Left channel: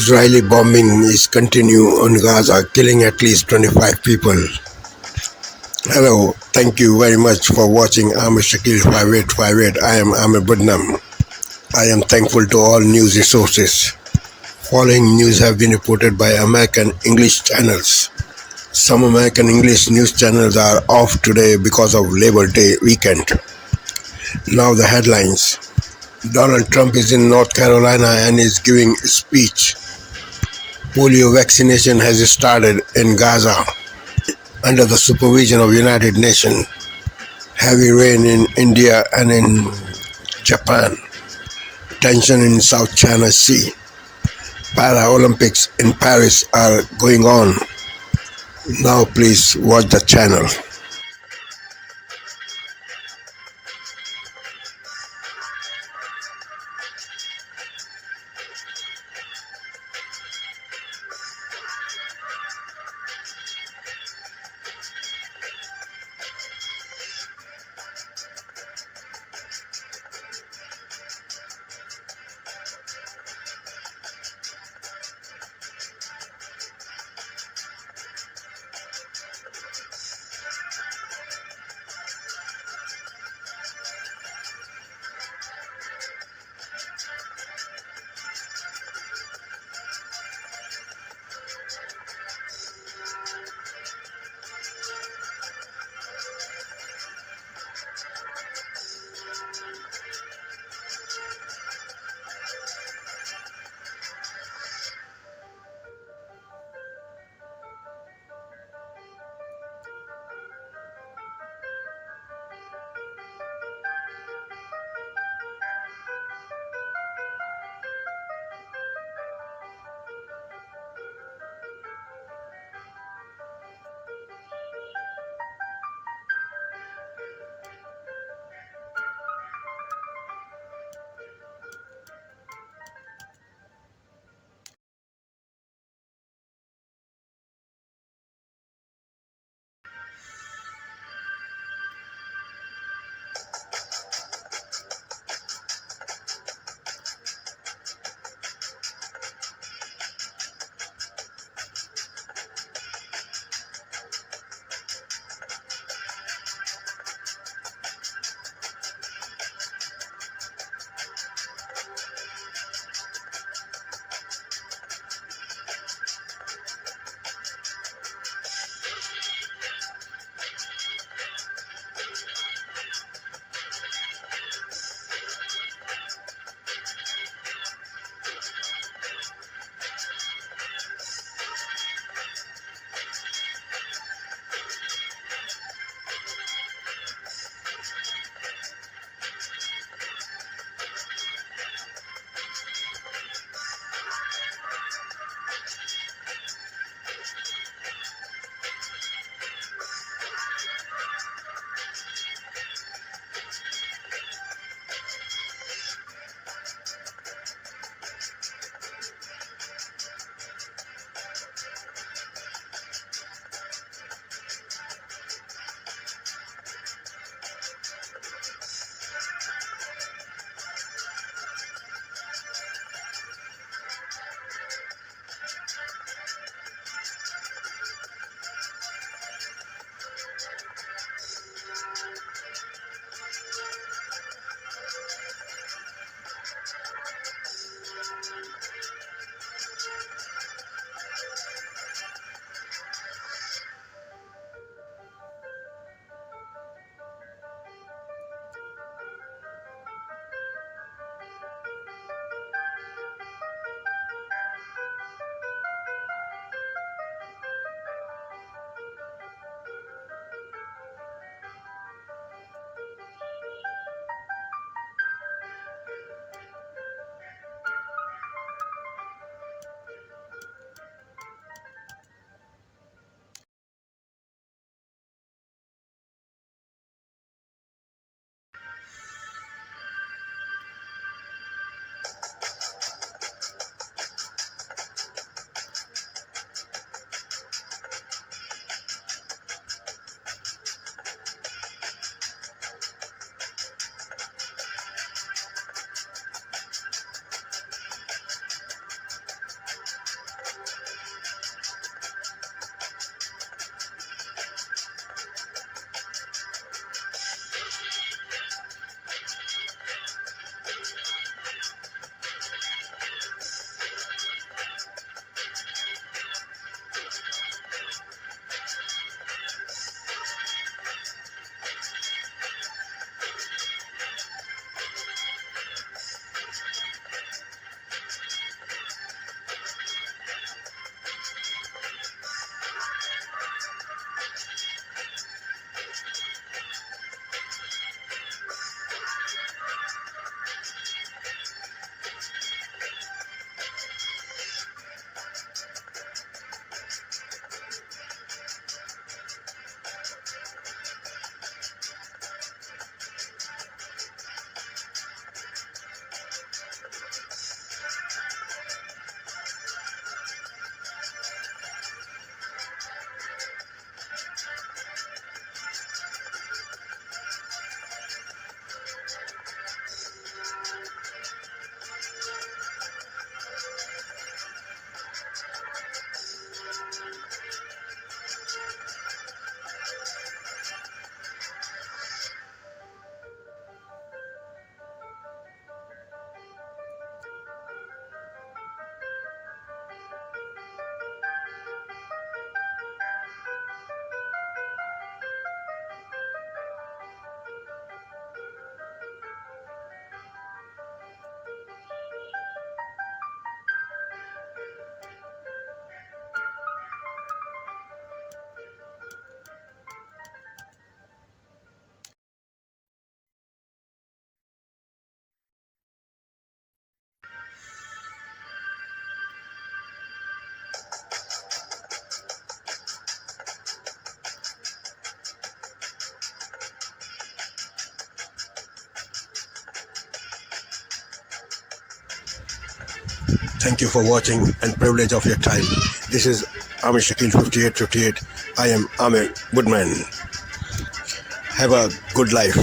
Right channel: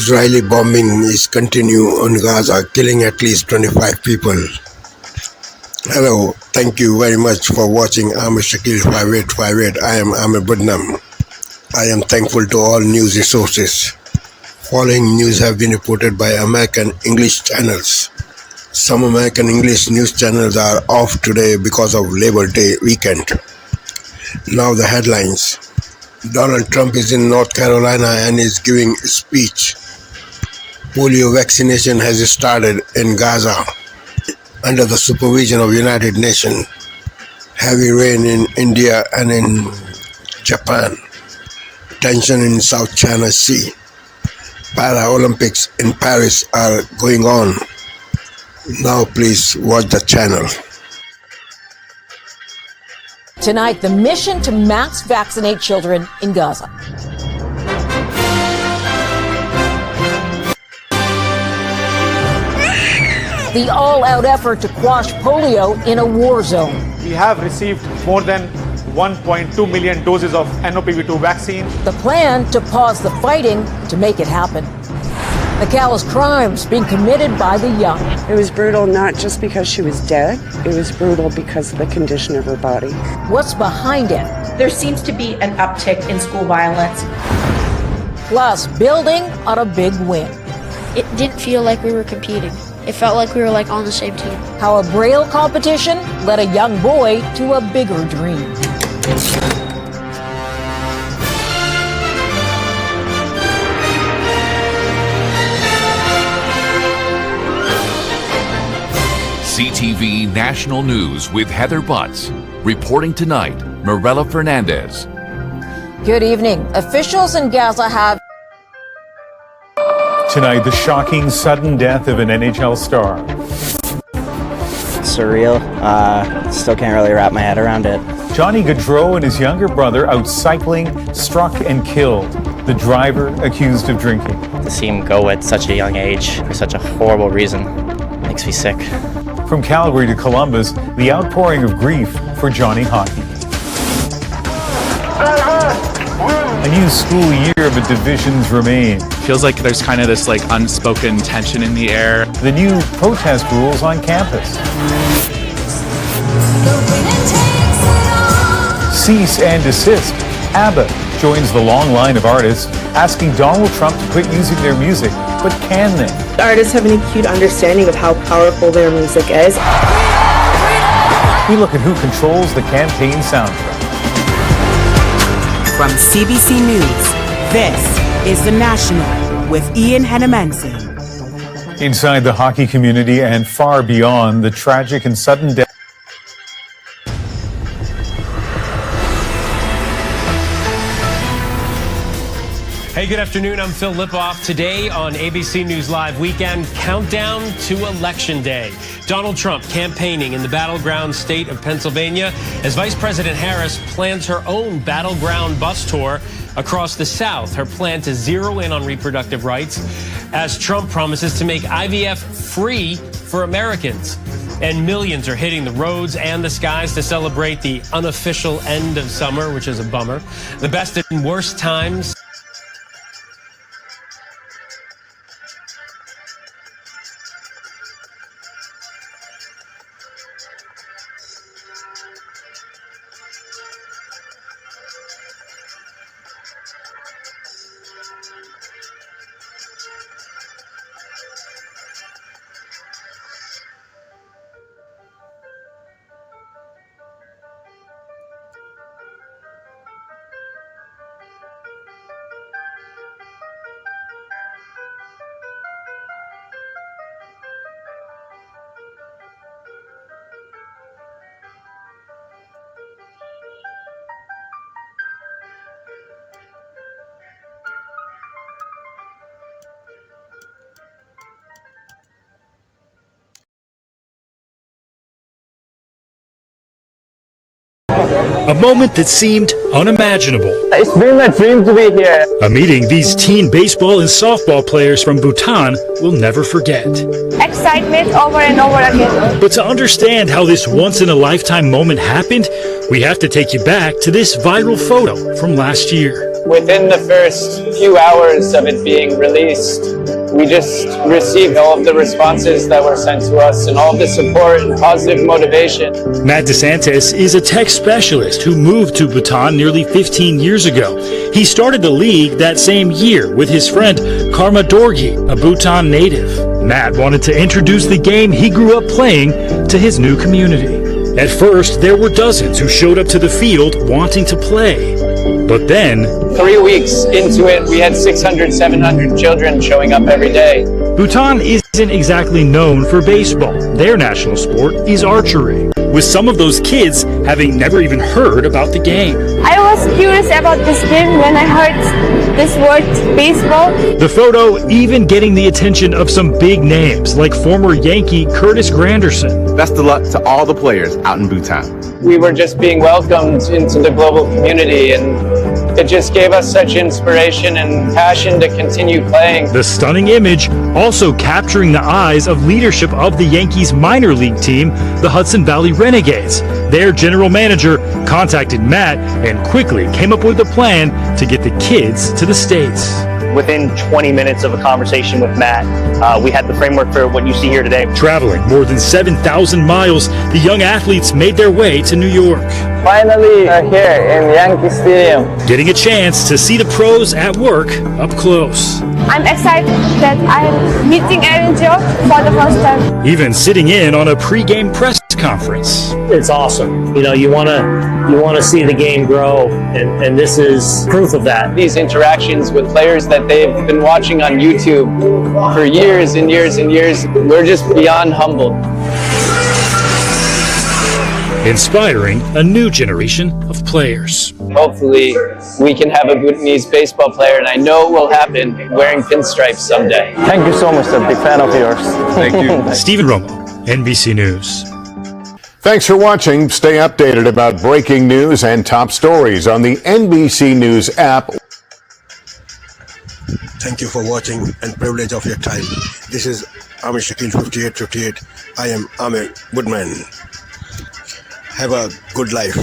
Israeli bombing is continuing on Gaza, killing at least 25 people. Hello, thank you very much for watching. I'm Shakil 5858. I am Amir Budnam. I am thankful to all news resources. Following news have been reported by American English channels. Some American English news channels are off today because of Labor Day weekend. Now the headlines. Donald Trump is in North Carolina and is giving a speech. Polio vaccination has started in Gaza under the supervision of United Nations. Heavy rain in India and in Japan. Tension in South China Sea. Paralympics in Paris are going on. Now please watch the channel. Tonight, the mission to mass vaccinate children in Gaza. The all-out effort to quash polio in a war zone. We have received more than 1.2 million doses of NOPV2 vaccine. The plan to pause the fighting to make it happen. The callous crimes being committed by the young. It was brutal not just because she was dead, it was brutal because of the condition of her body. What's behind it? There seems to be an uptick in school violence. Plus, building on a big win. It didn't feel like we were competing. It felt like we were on the same team. How a Braille competition led a young boy to a bigger dream. CTV National News with Heather Butts. Reporting tonight, Mirella Fernandez. Good evening. Officials in Gaza have... Tonight, the shocking sudden death of an NHL star. Surreal. Still can't really wrap my head around it. Johnny Gaudreau and his younger brother out cycling, struck and killed. The driver accused of drinking. To see him go at such a young age for such a horrible reason makes me sick. From Calgary to Columbus, the outpouring of grief for Johnny Hockey. A new school year, but divisions remain. Feels like there's kind of this unspoken tension in the air. The new protest rules on campus. Cease and desist. ABBA joins the long line of artists asking Donald Trump to quit using their music. But can they? The artists have an acute understanding of how powerful their music is. We look at who controls the campaign soundtrack. From CBC News, this is The National with Ian Hennemanson. Inside the hockey community and far beyond, the tragic and sudden death. Hey, good afternoon. I'm Phil Lipoff. Today on ABC News Live Weekend, countdown to Election Day. Donald Trump campaigning in the battleground state of Pennsylvania as Vice President Harris plans her own battleground bus tour across the South. Her plan to zero in on reproductive rights as Trump promises to make IVF free for Americans. And millions are hitting the roads and the skies to celebrate the unofficial end of summer, which is a bummer. The best and worst times. A moment that seemed unimaginable. It's been my dream to be here. A meeting these teen baseball and softball players from Bhutan will never forget. Excitement over and over again. But to understand how this once-in-a-lifetime moment happened, we have to take you back to this viral photo from last year. Within the first few hours of it being released, we just received all of the responses that were sent to us and all of the support and positive motivation. Matt DeSantis is a tech specialist who moved to Bhutan nearly 15 years ago. He started the league that same year with his friend Karma Dorgi, a Bhutan native. Matt wanted to introduce the game he grew up playing to his new community. At first, there were dozens who showed up to the field wanting to play. But then, 3 weeks into it, we had 600, 700 children showing up every day. Bhutan isn't exactly known for baseball. Their national sport is archery, with some of those kids having never even heard about the game. I was curious about this game when I heard this word baseball. The photo even getting the attention of some big names like former Yankee Curtis Granderson. Best of luck to all the players out in Bhutan. We were just being welcomed into the global community, and it just gave us such inspiration and passion to continue playing. The stunning image also capturing the eyes of leadership of the Yankees minor league team, the Hudson Valley Renegades. Their general manager contacted Matt and quickly came up with a plan to get the kids to the States. Within 20 minutes of a conversation with Matt, we had the framework for what you see here today. Traveling more than 7,000 miles, the young athletes made their way to New York. Finally, here in Yankee Stadium. Getting a chance to see the pros at work up close. I'm excited that I'm meeting Aaron Joe for the first time. Even sitting in on a pre-game press conference. It's awesome. You know, you want to see the game grow, and this is proof of that. These interactions with players that they've been watching on YouTube for years and years and years, we're just beyond humbled. Inspiring a new generation of players. Hopefully, we can have a Bhutanese baseball player, and I know it will happen, wearing pinstripes someday. Thank you so much. I'm a big fan of yours. Thank you. Stephen Romo, NBC News. Thanks for watching. Stay updated about breaking news and top stories on the NBC News app. Thank you for watching and privilege of your time. This is Amir Shakil 5858. I am Amir Woodman. Have a good life.